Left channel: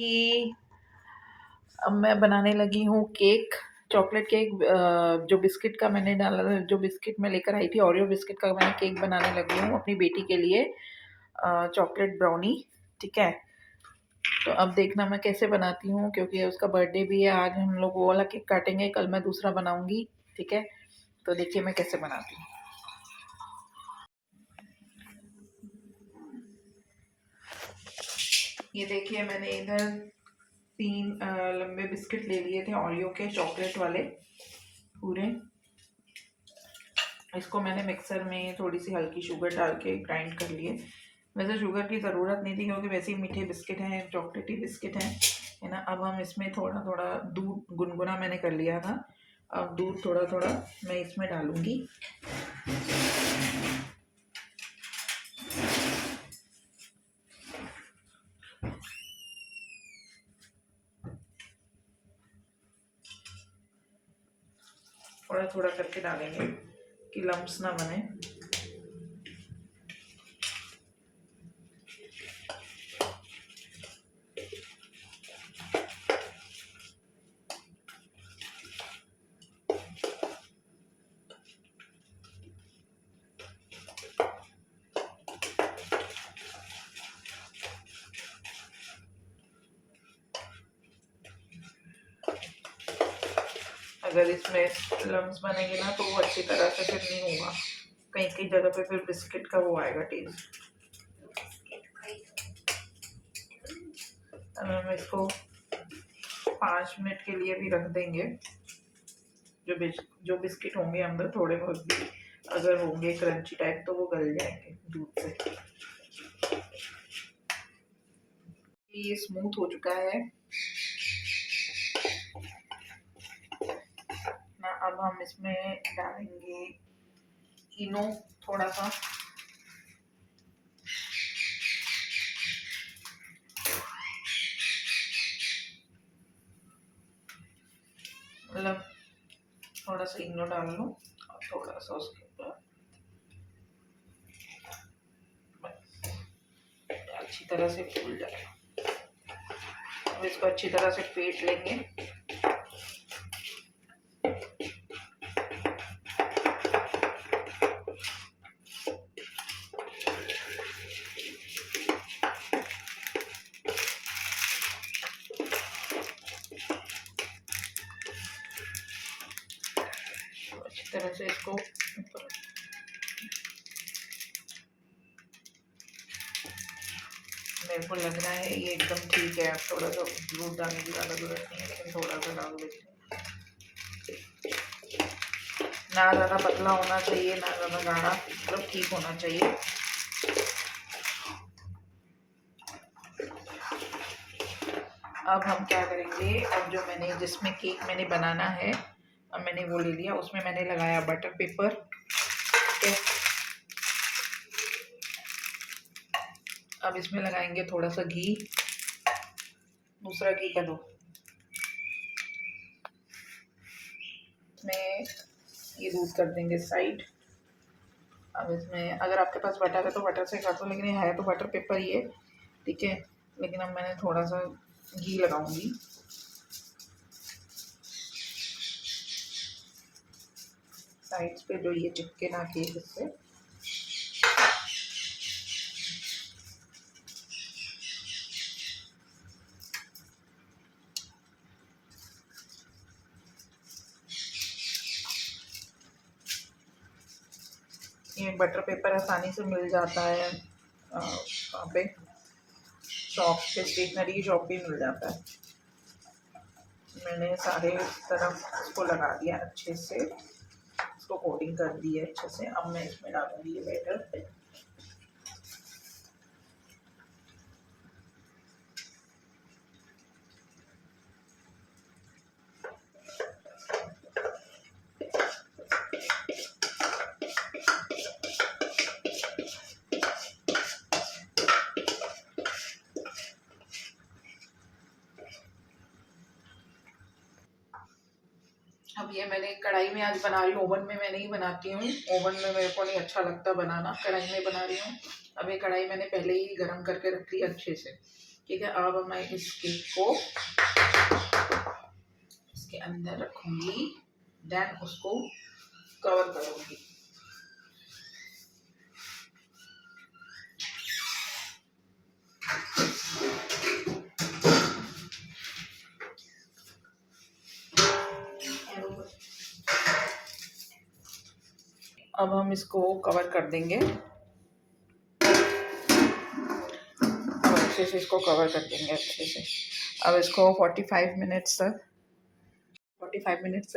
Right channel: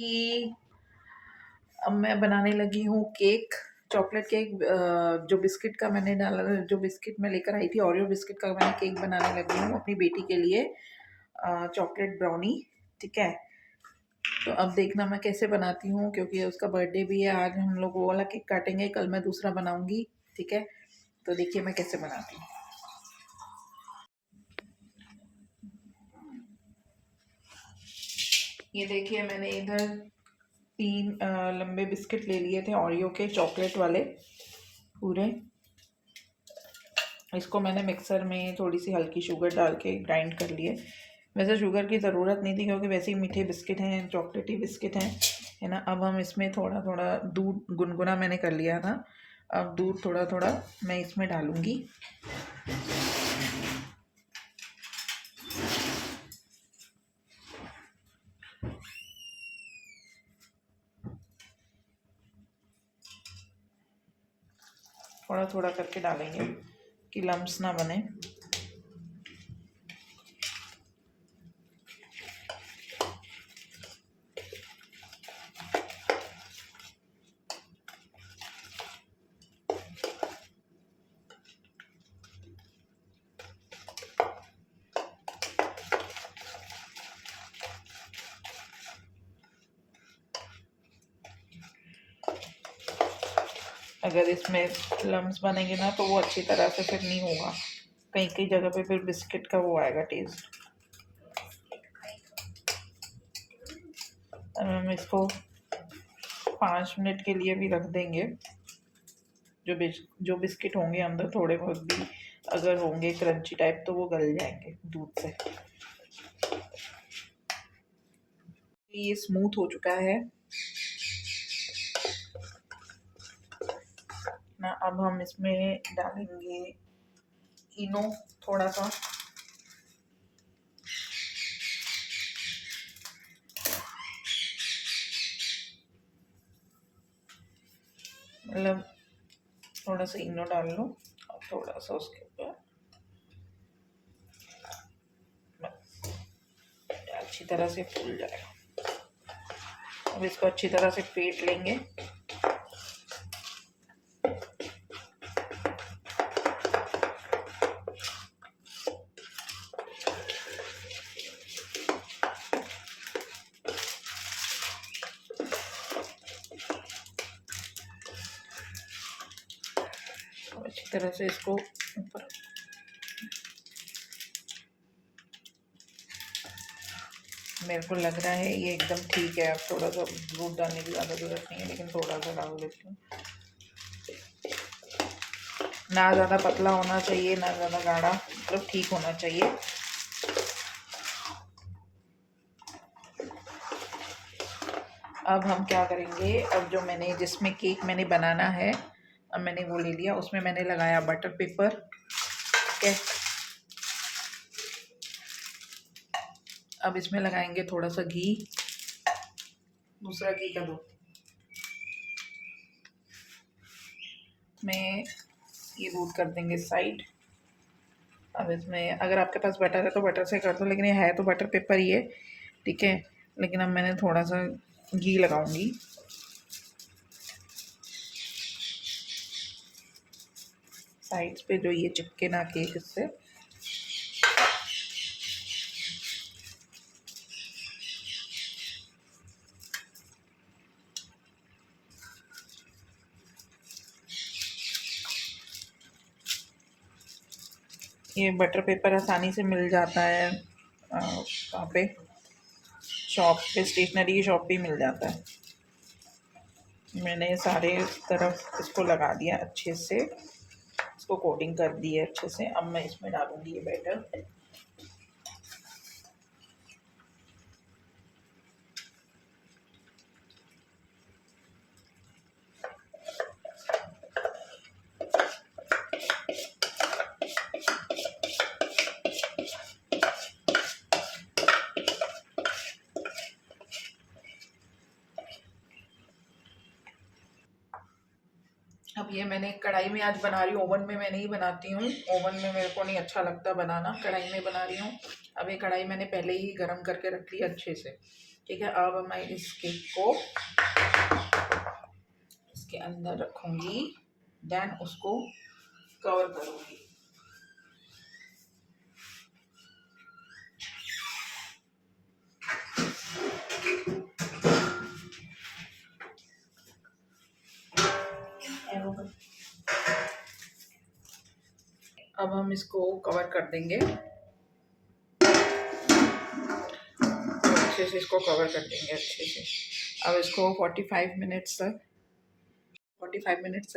कि अब मैं बनाने लगी हूँ केक, चॉकलेट केक। जो बिस्किट का मैंने डाला, जो बिस्किट मैं लेकर आई थी, ओरियो बिस्किट का मैंने केक बनाने लगी हूँ अपनी बेटी के लिए, चॉकलेट ब्राउनी। ठीक है, तो अब देखना मैं कैसे बनाती हूँ, क्योंकि उसका बर्थडे भी है आज। हम लोग वो वाला केक काटेंगे, कल मैं दूसरा बनाऊंगी। ठीक है, तो देखिए मैं कैसे बनाती हूँ। ये देखिए, मैंने इधर 3 लंबे बिस्किट ले लिए थे ओरियो के, चॉकलेट वाले पूरे। इसको मैंने मिक्सर में थोड़ी सी हल्की शुगर डाल के ग्राइंड कर लिए। वैसे शुगर की ज़रूरत नहीं थी, क्योंकि वैसे ही मीठे बिस्किट हैं, चॉकलेटी बिस्किट हैं, है ना। अब हम इसमें थोड़ा थोड़ा दूध गुनगुना मैंने कर लिया था, अब दूध थोड़ा थोड़ा मैं इसमें डालूँगी। थोड़ा थोड़ा करके डालेंगे कि लम्स ना बने। अगर इसमें लम्स बनेंगे ना, तो वो अच्छी तरह से फिर नहीं होगा, कहीं कहीं जगह पे फिर बिस्किट का वो आएगा टेस्ट। अब हम इसको 5 मिनट के लिए भी रख देंगे। जो बिस्किट होंगे अंदर थोड़े बहुत भी अगर होंगे क्रंची टाइप, तो वो गल जाएंगे दूध से। ये स्मूथ हो चुका है ना। अब हम इसमें डालेंगे इनो थोड़ा सा, मतलब थोड़ा सा इनो डाल लो और थोड़ा सा उसके ऊपर अच्छी तरह से फूल जाए। अब इसको अच्छी तरह से फेंट लेंगे। अच्छी तरह से इसको ऊपर, मेरे को लग रहा है ये एकदम ठीक है। अब थोड़ा सा दूध डालने की ज़्यादा ज़रूरत नहीं है, लेकिन थोड़ा सा डाल देते हैं। ना ज़्यादा पतला होना चाहिए, ना ज़्यादा गाढ़ा, मतलब ठीक होना चाहिए। अब हम क्या करेंगे, अब जो मैंने जिसमें केक मैंने बनाना है, अब मैंने वो ले लिया, उसमें मैंने लगाया बटर पेपर। ठीक है, अब इसमें लगाएंगे थोड़ा सा घी, दूसरा घी का दो। इसमें ये दूध कर देंगे साइड। अब इसमें अगर आपके पास बटर है तो बटर से कर दो, लेकिन ये है तो बटर पेपर ही है। ठीक है, लेकिन अब मैंने थोड़ा सा घी लगाऊंगी। साइड्स पे जो ये चिपके ना केक, इससे। ये बटर पेपर आसानी से मिल जाता है, वहाँ पे शॉप पे, स्टेशनरी की शॉप पे मिल जाता है। मैंने सारे तरफ इसको लगा दिया अच्छे से, इसको कोटिंग कर दी है अच्छे से। अब मैं इसमें डालूंगी ये बैटर। अब ये मैंने कढ़ाई में आज बना रही हूँ, ओवन में मैं नहीं बनाती हूँ। ओवन में मेरे को नहीं अच्छा लगता बनाना, कढ़ाई में बना रही हूँ। अब ये कढ़ाई मैंने पहले ही गर्म करके रख ली अच्छे से। ठीक है, अब मैं इस केक को इसके अंदर रखूँगी, देन उसको कवर करूँगी। अब हम इसको कवर कर देंगे, अच्छे से इसको कवर कर देंगे अच्छे से। अब इसको 45 मिनट्स तक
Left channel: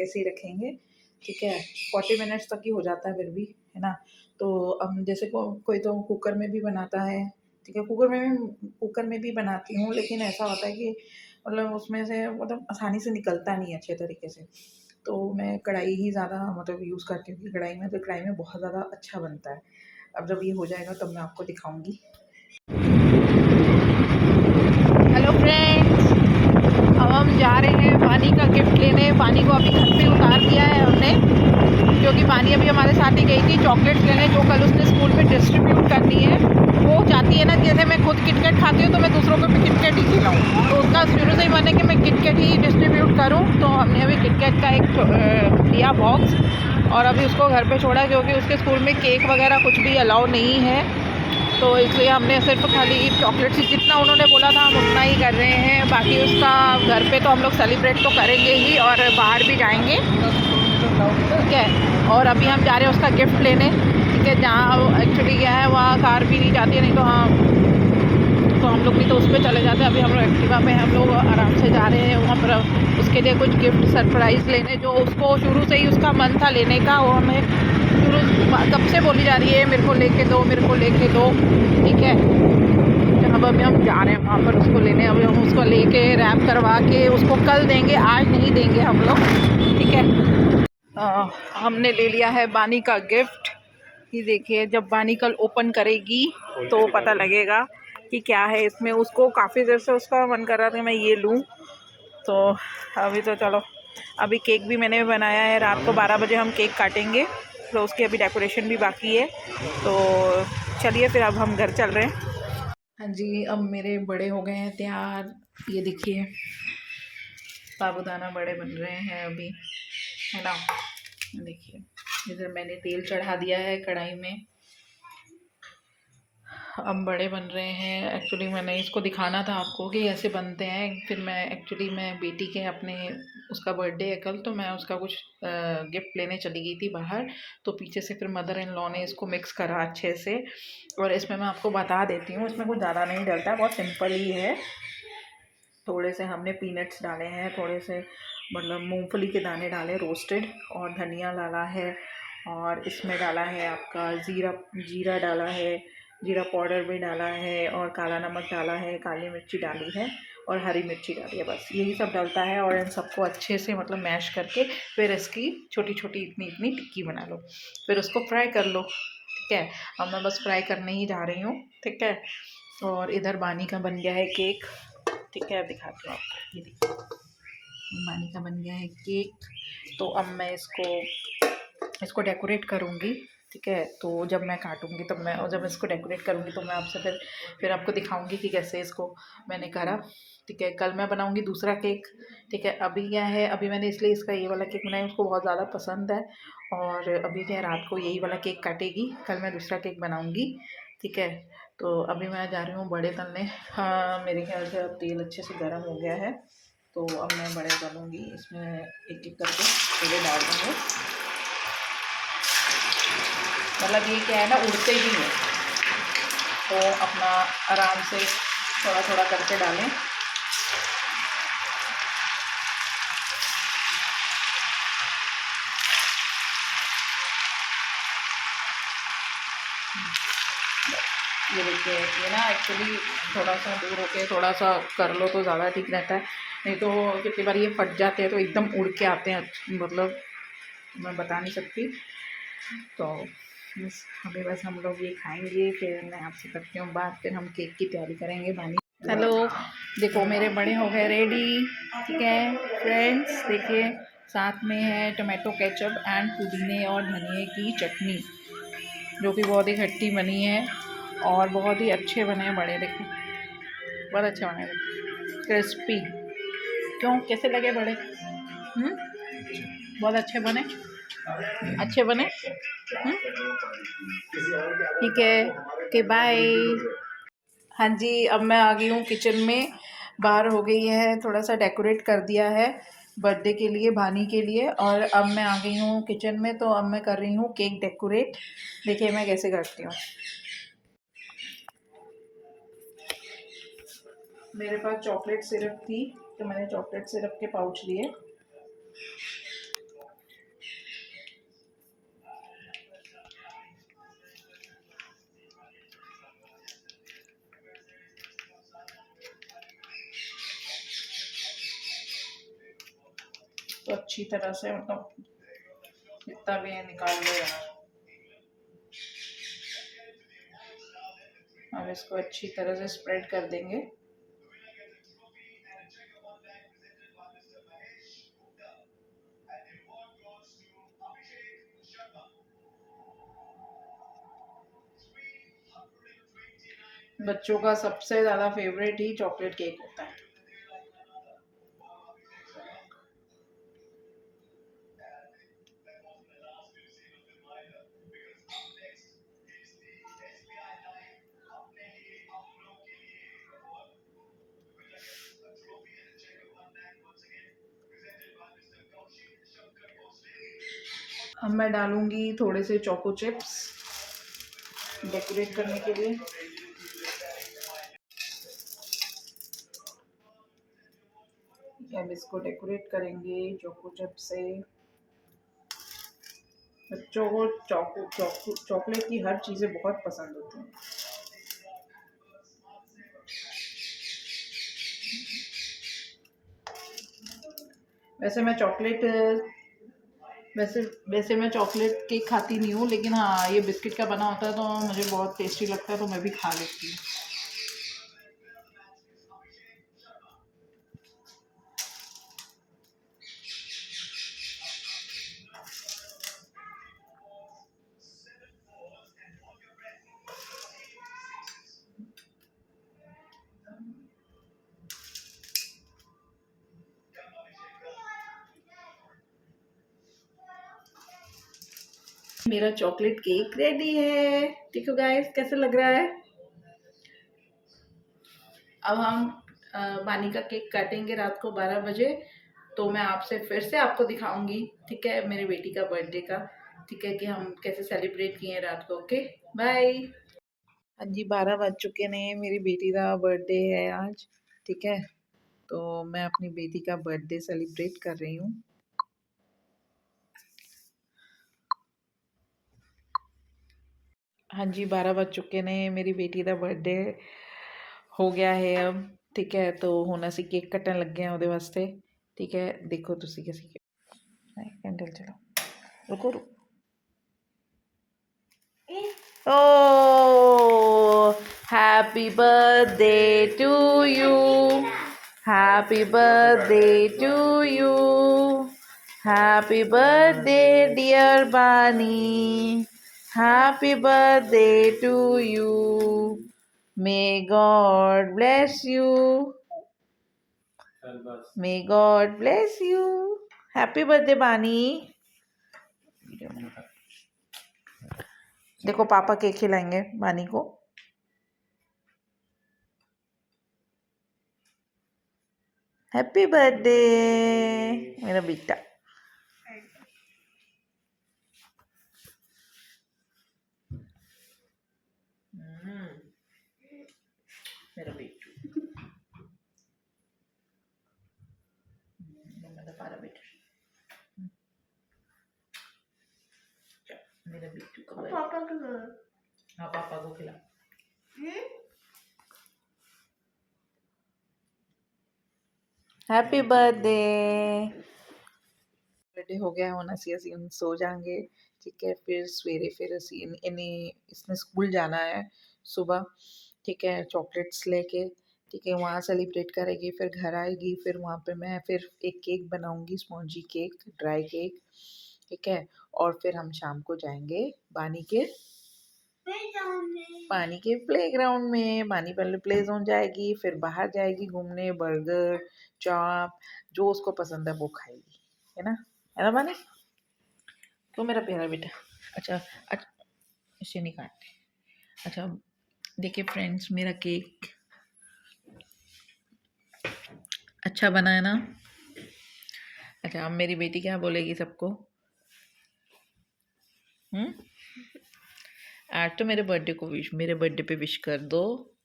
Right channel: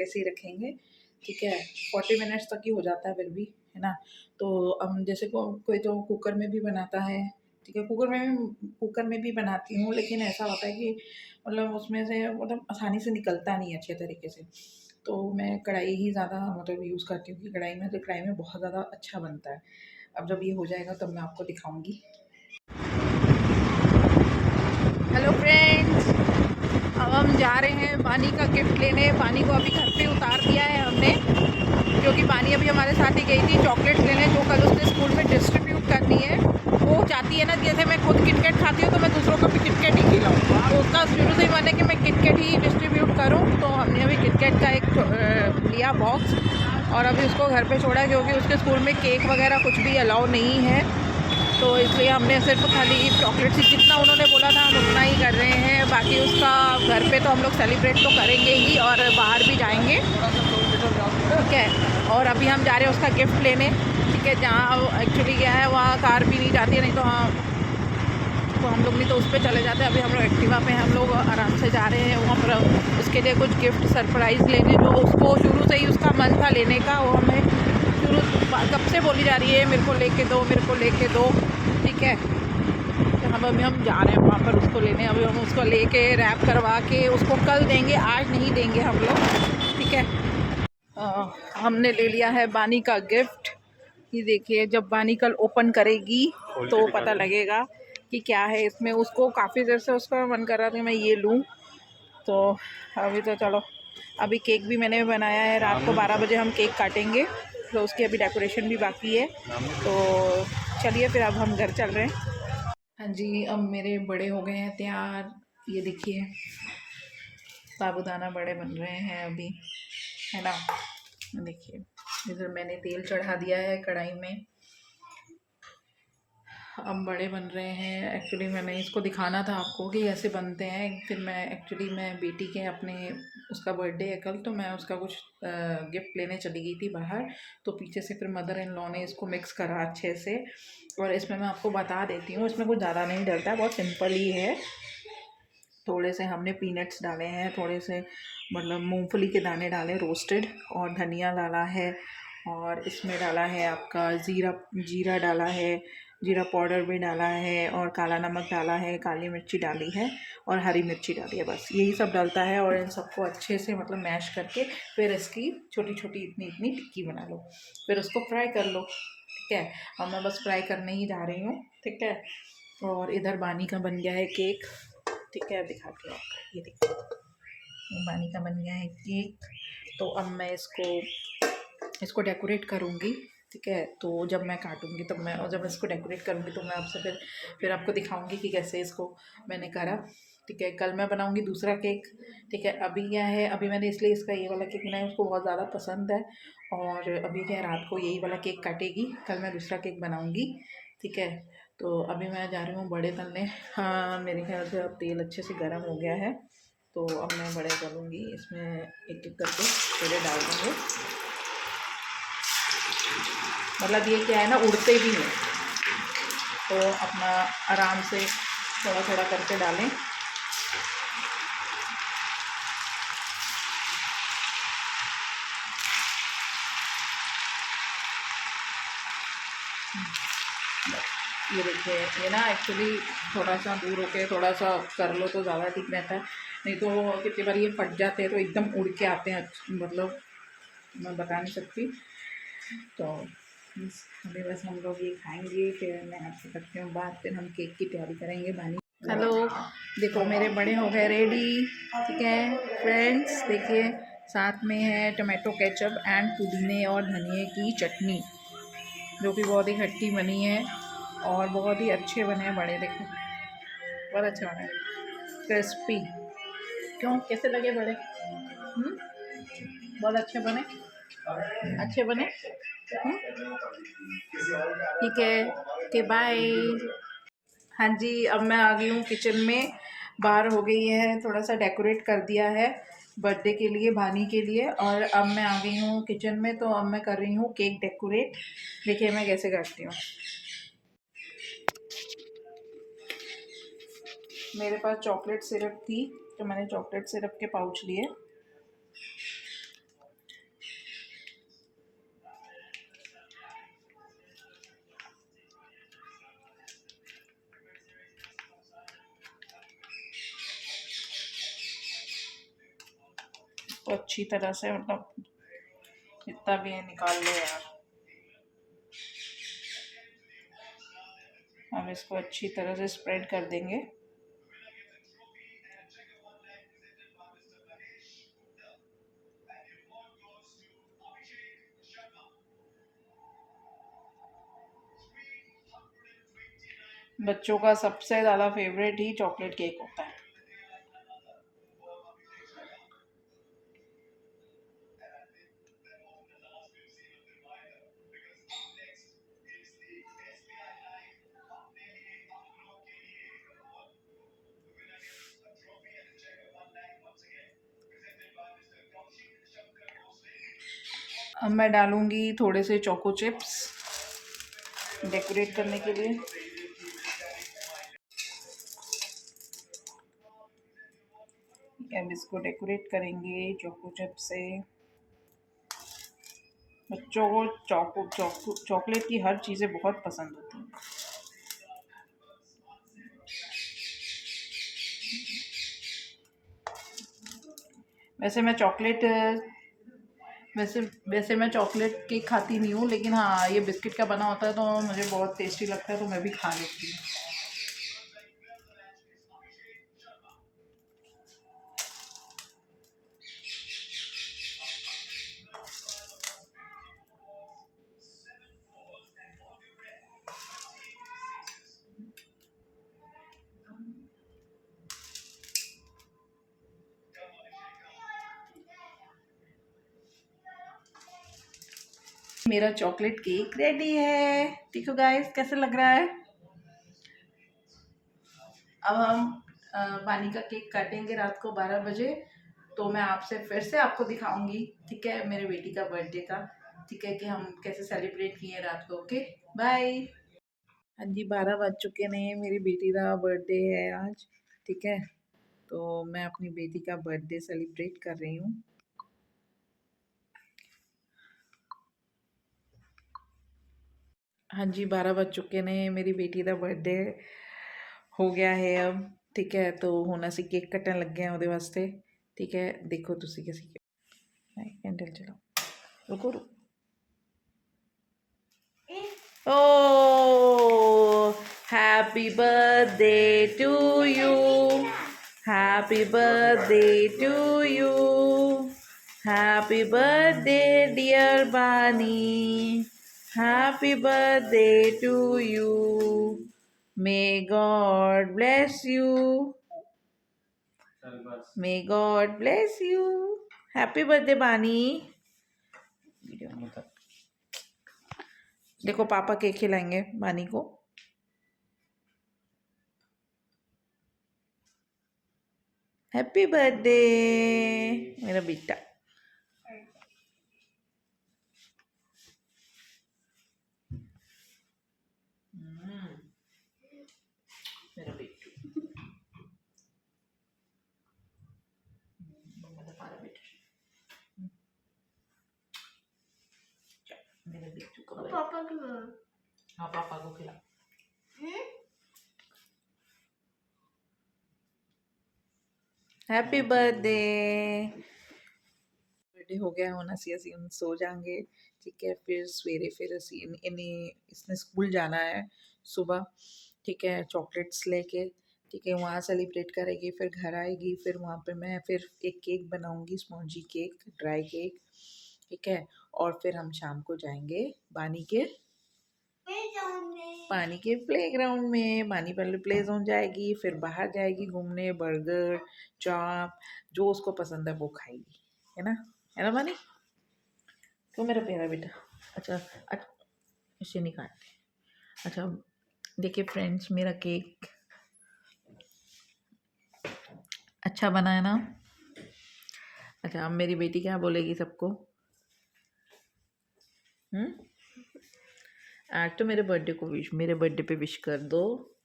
ऐसे ही रखेंगे, ठीक है। 40 मिनट्स तक ही हो जाता है फिर भी, है ना। तो अब जैसे कोई तो कुकर में भी बनाता है, ठीक है, कुकर में भी बनाती हूँ, लेकिन ऐसा होता है कि मतलब उसमें से मतलब आसानी से निकलता नहीं है अच्छे तरीके से। तो मैं कढ़ाई ही ज़्यादा मतलब यूज़ करती हूँ कि कढ़ाई में बहुत ज़्यादा अच्छा बनता है। अब जब ये हो जाएगा तब मैं आपको दिखाऊँगी। हेलो फ्रेंड्स, अब हम जा रहे हैं पानी का गिफ्ट लेने। पानी को अभी घर पे उतार दिया है हमने, क्योंकि पानी अभी हमारे साथ ही गई थी चॉकलेट्स लेने, जो कल उसने स्कूल में डिस्ट्रीब्यूट करनी है। वो चाहती है ना, जैसे मैं खुद किटकैट खाती हूँ तो मैं दूसरों को भी किटकैट ही खिलाऊँ, तो उसका शुरू से ही मन है कि मैं किटकैट ही डिस्ट्रीब्यूट करूँ। तो हमने अभी किटकैट का एक लिया बॉक्स, और अभी उसको घर पर छोड़ा, क्योंकि उसके स्कूल में केक वगैरह कुछ भी अलाउ नहीं है। तो इसलिए हमने सिर्फ खाली चॉकलेट ही, जितना उन्होंने बोला था हम उतना ही कर रहे हैं। बाकी उसका घर पे तो हम लोग सेलिब्रेट तो करेंगे ही, और बाहर भी जाएंगे, ठीक है। और अभी हम जा रहे हैं उसका गिफ्ट लेने, ठीक है। जहाँ एक्चुअली क्या है, वहाँ कार भी नहीं जाती है, नहीं तो हाँ तो हम लोग नहीं तो उस पर चले जाते हैं। अभी हम लोग एक्टिवा पे हम लोग आराम से जा रहे हैं वहाँ पर उसके लिए कुछ गिफ्ट सरप्राइज़ लेने, जो उसको शुरू से ही उसका मन था लेने का। वो हमें शुरू कब से बोली जा रही है मेरे को लेके दो, मेरे को लेके दो, ठीक है। अब अभी हम जा रहे हैं वहाँ पर उसको लेने। अभी हम उसको लेके रैप करवा के उसको कल देंगे, आज नहीं देंगे हम लोग, ठीक है। हमने ले लिया है बानी का गिफ्ट। ये देखिए, जब बानी कल ओपन करेगी तो पता लगेगा कि क्या है इसमें। उसको काफ़ी देर से उसका मन कर रहा था कि मैं ये लूँ, तो अभी तो चलो। अभी केक भी मैंने बनाया है, रात को 12 बजे हम केक काटेंगे, तो उसकी अभी डेकोरेशन भी बाकी है। तो चलिए फिर अब हम घर चल रहे हैं। हाँ जी, अब मेरे बड़े हो गए हैं तैयार। ये देखिए, साबूदाना बड़े बन रहे हैं अभी, है ना। देखिए, इधर मैंने तेल चढ़ा दिया है कढ़ाई में, अब बड़े बन रहे हैं। एक्चुअली मैंने इसको दिखाना था आपको कि ऐसे बनते हैं। फिर मैं बेटी के अपने उसका बर्थडे है कल, तो मैं उसका कुछ गिफ्ट लेने चली गई थी बाहर। तो पीछे से फिर मदर इन लॉ ने इसको मिक्स करा अच्छे से। और इसमें मैं आपको बता देती हूँ, इसमें कुछ ज़्यादा नहीं डलता, बहुत सिंपल ही है। थोड़े से हमने पीनट्स डाले हैं, थोड़े से मतलब मूंगफली के दाने डाले रोस्टेड, और धनिया डाला है, और इसमें डाला है आपका जीरा डाला है, जीरा पाउडर भी डाला है, और काला नमक डाला है, काली मिर्ची डाली है, और हरी मिर्ची डाली है। बस यही सब डलता है, और इन सबको अच्छे से मतलब मैश करके फिर इसकी छोटी छोटी इतनी इतनी टिक्की बना लो, फिर उसको फ्राई कर लो, ठीक है। अब मैं बस फ्राई करने ही जा रही हूँ, ठीक है। और इधर बानी का बन गया है केक, ठीक है, अब दिखाती हूँ आपको। ये देखिए, बानी का बन गया है केक। तो अब मैं इसको डेकोरेट करूँगी, ठीक है। तो जब मैं काटूँगी तब मैं, और जब इसको डेकोरेट करूँगी तो मैं आपसे फिर आपको दिखाऊँगी कि कैसे इसको मैंने करा, ठीक है। कल मैं बनाऊँगी दूसरा केक, ठीक है। अभी क्या है, अभी मैंने इसलिए इसका ये वाला केक बनाया, उसको बहुत ज़्यादा पसंद है। और अभी क्या है, रात को यही वाला केक काटेगी, कल मैं दूसरा केक बनाऊँगी, ठीक है। तो अभी मैं जा रही हूँ बड़े तलने। हाँ, मेरे ख्याल से अब तेल अच्छे से गर्म हो गया है, तो अब मैं बड़े तलूँगी। इसमें एक एक करके तेल डाल दूँगी। मतलब ये क्या है ना, उड़ते ही हैं, तो अपना आराम से थोड़ा थोड़ा करके डालें। ये देखिए, ये ना एक्चुअली थोड़ा सा दूर होके थोड़ा सा कर लो तो ज़्यादा ठीक रहता है, नहीं तो कितनी बार ये फट जाते हैं तो एकदम उड़ के आते हैं, मतलब मैं बता नहीं सकती। तो बस हम लोग ये खाएंगे, फिर मैं आपसे करती हूँ बात, फिर हम केक की तैयारी करेंगे। बानी, हेलो, देखो मेरे बड़े हो गए रेडी, ठीक है फ्रेंड्स। देखिए, साथ में है टमाटो केचप एंड पुदीने और धनिए की चटनी, जो कि बहुत ही खट्टी बनी है और बहुत ही अच्छे बने हैं बड़े। देखो बहुत अच्छे बने, क्रिस्पी। क्यों, कैसे लगे बड़े? बहुत अच्छे बने, अच्छे बने। ठीक है, ओके बाय। हाँ जी, अब मैं आ गई हूँ किचन में। बाहर हो गई है, थोड़ा सा डेकोरेट कर दिया है बर्थडे के लिए, भानी के लिए। और अब मैं आ गई हूँ किचन में, तो अब मैं कर रही हूँ केक डेकोरेट। देखिए मैं कैसे करती हूँ। मेरे पास चॉकलेट सिरप थी, तो मैंने चॉकलेट सिरप के पाउच लिए। तो अच्छी तरह से, मतलब जितना भी है निकाल ले। अब इसको अच्छी तरह से स्प्रेड कर देंगे। बच्चों का सबसे ज़्यादा फेवरेट ही चॉकलेट केक होता है। अब मैं डालूंगी थोड़े से चोको चिप्स डेकोरेट करने के लिए। अब इसको डेकोरेट करेंगे चोको चिप से। बच्चों को चॉकलेट की हर चीज़ें बहुत पसंद होती हैं। वैसे मैं चॉकलेट वैसे वैसे मैं चॉकलेट केक खाती नहीं हूँ, लेकिन हाँ ये बिस्किट का बना होता है तो मुझे बहुत टेस्टी लगता है, तो मैं भी खा लेती हूँ। मेरा चॉकलेट केक रेडी है, देखो गाइस कैसे लग रहा है। अब हम बानी का केक काटेंगे रात को 12 बजे, तो मैं आपसे फिर से आपको दिखाऊंगी, ठीक है, मेरे बेटी का बर्थडे का, ठीक है, कि हम कैसे सेलिब्रेट किए रात को। Okay bye. हाँ जी, 12 बज चुके हैं, मेरी बेटी का बर्थडे है आज, ठीक है, तो मैं अपनी बेटी का बर्थडे सेलिब्रेट कर रही हूँ। हाँ जी, 12 बज चुके हैं, मेरी बेटी का बर्थडे हो गया है अब, ठीक है, तो ਹੁਣ ਅਸੀਂ ਕੇਕ ਕੱਟਣ ਲੱਗੇ ਆ ਉਹਦੇ ਵਾਸਤੇ, ठीक है, देखो ਤੁਸੀਂ कैसे कैंडल चलाओ, रुको रुको। Oh, happy birthday to you. Happy birthday to you. Happy birthday, dear Bunny. Happy birthday to you. May God bless you. May God bless you. Happy birthday, Bunny. देखो पापा केक खिलाएंगे बानी को। हैप्पी बर्थडे मेरा बेटा। मेरा बेटू, मेरा बेटू का पापा को, हाँ पापा को खिला। Happy birthday. बर्थडे हो गया ਹੁਣ ਅਸੀਂ ਹੁਣ सो जाएंगे, ठीक है, फिर सवेरे फिर ਅਸੀਂ इसने स्कूल जाना है सुबह, ठीक है, चॉकलेट्स लेके, ठीक है, वहाँ सेलिब्रेट करेगी, फिर घर आएगी, फिर वहाँ पे मैं फिर एक केक बनाऊंगी, स्पॉन्जी केक, ड्राई केक, ठीक है, और फिर हम शाम को जाएंगे बानी के पानी के प्लेग्राउंड में। पानी पहले प्ले जोन जाएगी, फिर बाहर जाएगी घूमने, बर्गर चाप जो उसको पसंद है वो खाएगी, है ना पानी? तो मेरा प्यारा बेटा। अच्छा अच्छा, इसे नहीं काटते। अच्छा देखिए फ्रेंड्स, मेरा केक अच्छा बना है ना? अच्छा अब मेरी बेटी क्या बोलेगी सबको? आज तो मेरे बर्थडे को मेरे बर्थडे पे विश कर दो,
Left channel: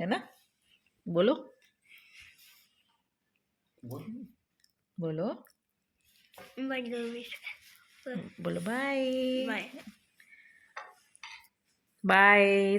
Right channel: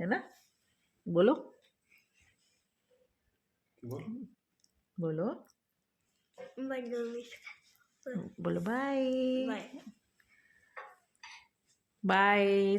है ना? बोलो बोलो बोलो बाय बाय। बाय।